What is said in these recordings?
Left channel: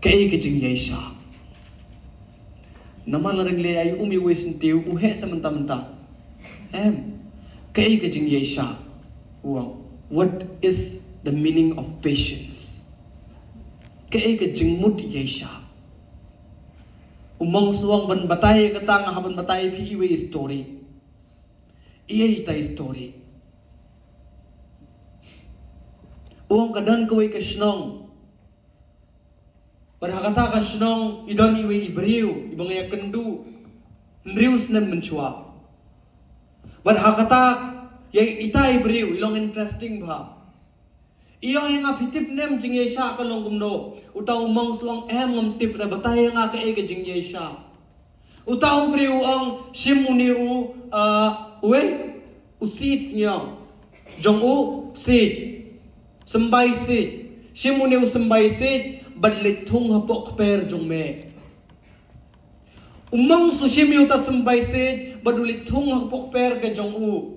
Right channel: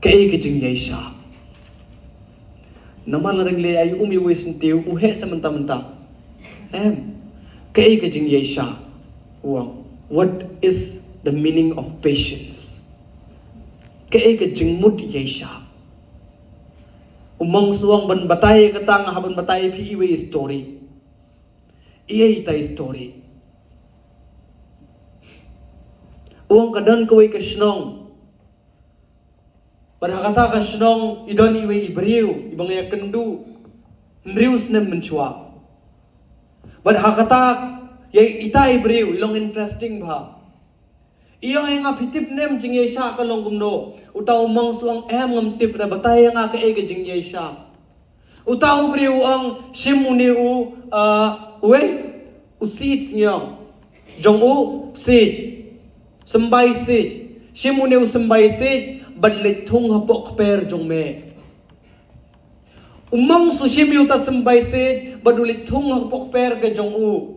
Kay kajing yesha. Naman larang le ay umiwi sintiw uhe sa menta-menta. Kay kajing yesha. What is the meaning of patience? Kay kajing mud yesha. Umang suang ban batay katang haban batay pi iwi story. Iya ita story. Uang kadan kaway kasnong. Berhakata kasnong idon iwe ibriw ibang ya kendu nrius nem menchua. Berhakata yai ita ibriw ilong interesting ba. Iyong nga pitip nem jingye sha kalong gumno utaw mong suang ngam tip na batay nga ka ega jingye sha. Utaw briw ang shimuni we usit ngam jong sit sembay sit shimuni sembay sit Badlit thung hapok per jong me. Umang sushimi uta sembay sid badulit thung hapok per ke jong u.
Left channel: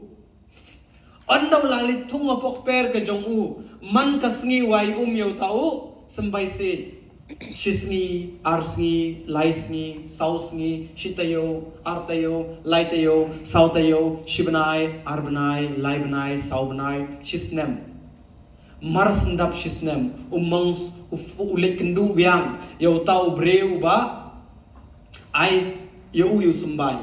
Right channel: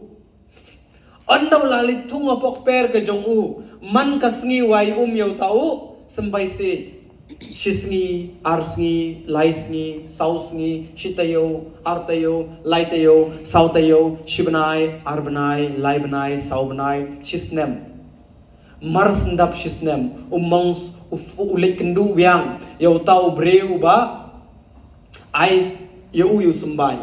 Andaw lalit thung hapok per ke jong u. Man kasngi wai yaw tau sembay sid. Shisngi, arsngi, laisngi, sausngi, shitayo, artayo, laitayo, sautayo, shibanay, arbanay, laibanay, saubanay, shisnem. Mars ndap shisnem umang ulik kendu biang yaw tau breu ba ai yu sumbay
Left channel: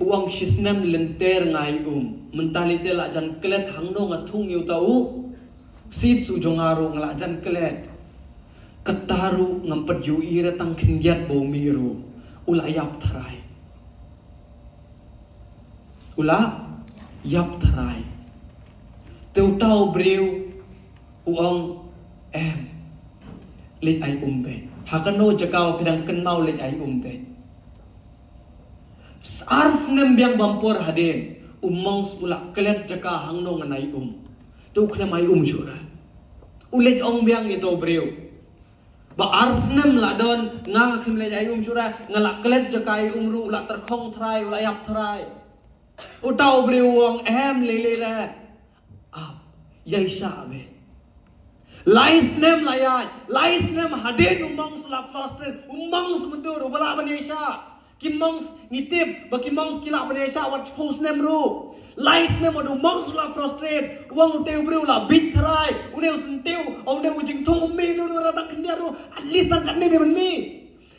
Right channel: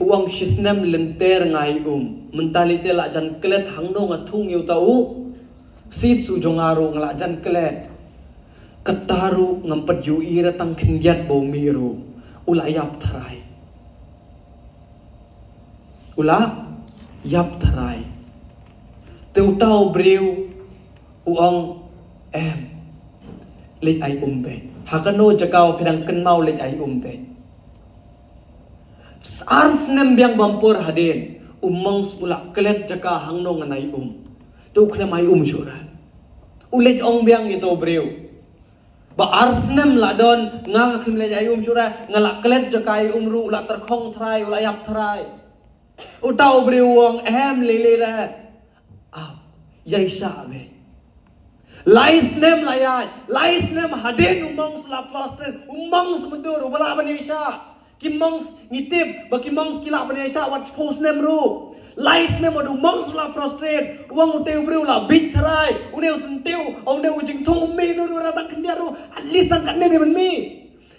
uang shisnem lenter ngai mentalite la jan klet hangno ngathung yaw tau sit su jongaro ngla jan klet kataru ngampet yu ira tang khingyat bo miru ulayap tharai yap tharai teu tau breu uang lik ay umbe hakano jakaw pinang kenmau lik ay umbe ars nem biang bampur hadin umang sulak kelet jaka hangno nganay tu klam ay syura ulik ong biang ito breu ba ars nem ladon nga kim lek ay syura ngalak kelet jaka ay ru ula terkhong thrai ulayak thrai utaw breu ong lele ra yai sha be Lais nem hadin umang sulap plaster umang semedur ubala banesha kimang ngitip ba kimang kila banesha wat post nem ru lais nem adu umang sulap frustrate uang uteu bru la big trai uneu sentiu ong deu jing thum mi du rata kendia ru at least tan kan ne ben mi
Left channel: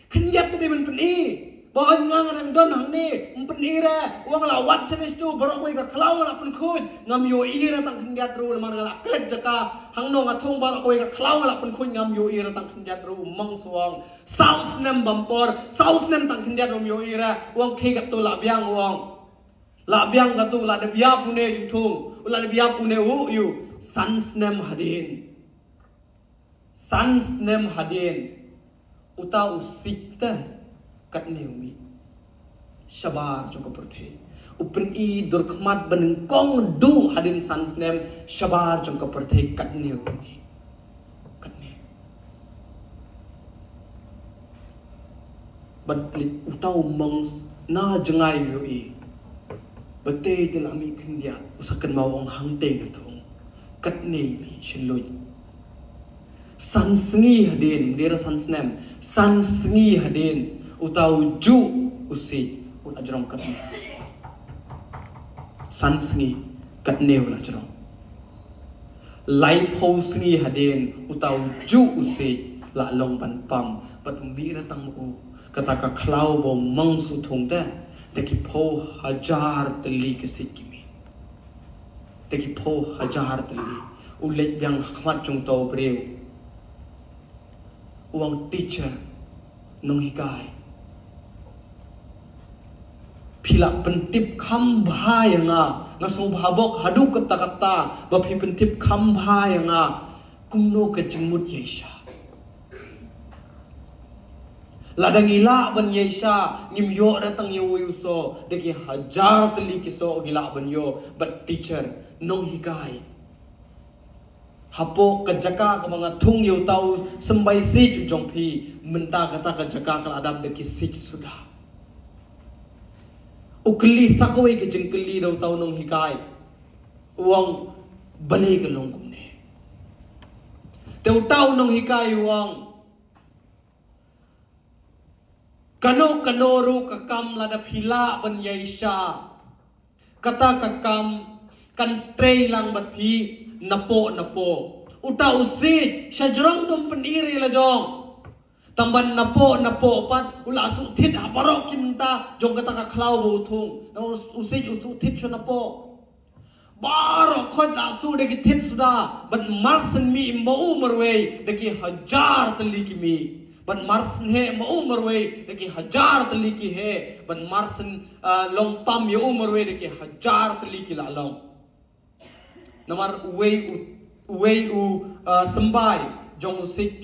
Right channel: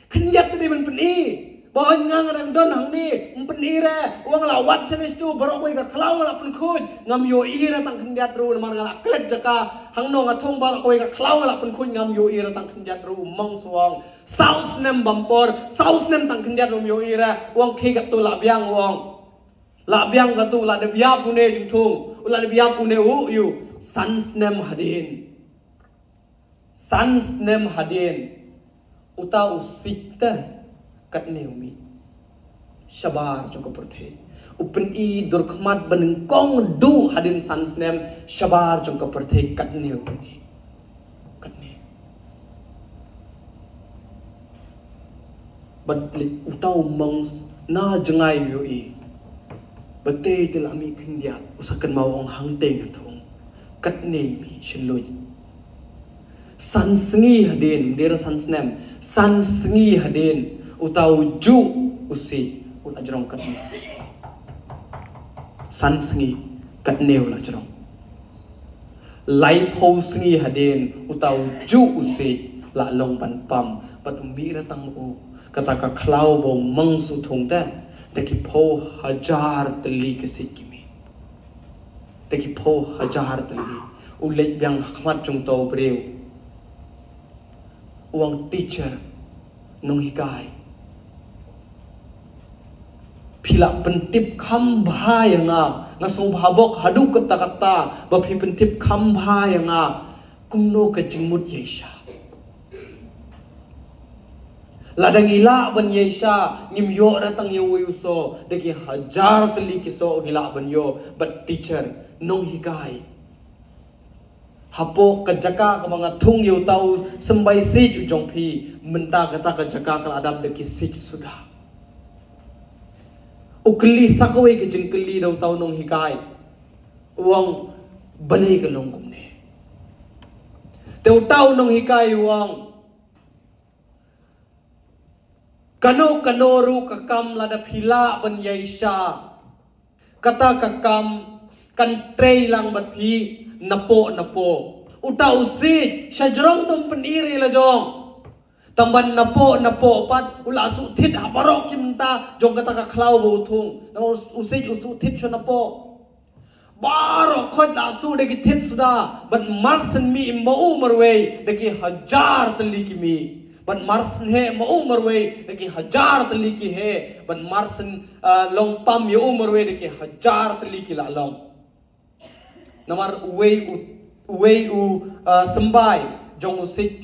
kendia te ben peni Bahan ngang don hang ni mpeni re uang la wat senes tu barok ka klau la pun khud ngam yo ira tang kendiat ru mar ngala klet jaka hang no ngathong barok ka klau la pun khud ngam yo ira tang kendiat ru mong suang saus nem bampor saus nem tang kendiat ru yo ira uang ke ka tu la biang ka tu la de bia pune jing thung ula de bia pune yu sans nem hadin uta usikta kat neumi shabar jong kapurthe upen I durkhmat beneng kong du hadin sans nem shabar jong kapurthe kat neumi kat ne batlik utau mongs na jengai yui bate telami khindia usakan mau ong hangte ngathong kat neumi shilun sans ngi hadin dera sans nem sans ngi hadin utau ju usi ulah jerong kat san sengi kat neu lah jerong lai po sengi hadin utau ju usi la long ban pam pat umbi ratang u kata ka klau bo mang su thong ta teki po hajar teli kesikimi teki po hajar teli ulek yang hmat jong to breu uang teacher nong hikai Pilak pentip kambha yang ngasong habok hadu kata-kata bapi pentip kambha yang kumno kejimut yesha ladang ila ban yesha ngimyo datang yewuso deki hajar teli kiso gila ban yo but teacher nong hikai hapo kejaka ka mga thung yo tau sembay sit jongpi menta kata kejaka kal adab deki sit sudah ukli sakaway ke jengkeli daw tau nong hikai uang balik ke longkong ne teu tau nong hikai uang Kano ru kakam lada phila ban yaisha. Kata kakam kan trei lang bat phi napo. Uta usit syajrong dum peniri la jong. Tamban napo pat ula su thit ha barok kimta jong kata ka khlau bo thung. No usit usu thit cho napo. Barok khoj la su de ki thit suda ban marsen mi mau marwei de ki hajar tali ki mi. Ban marsen he mau marwei de ki hajar tali ki he. Ban marsen long pam ye marwei de ki hajar tali ki la long. Namar uwei u sembai jong usik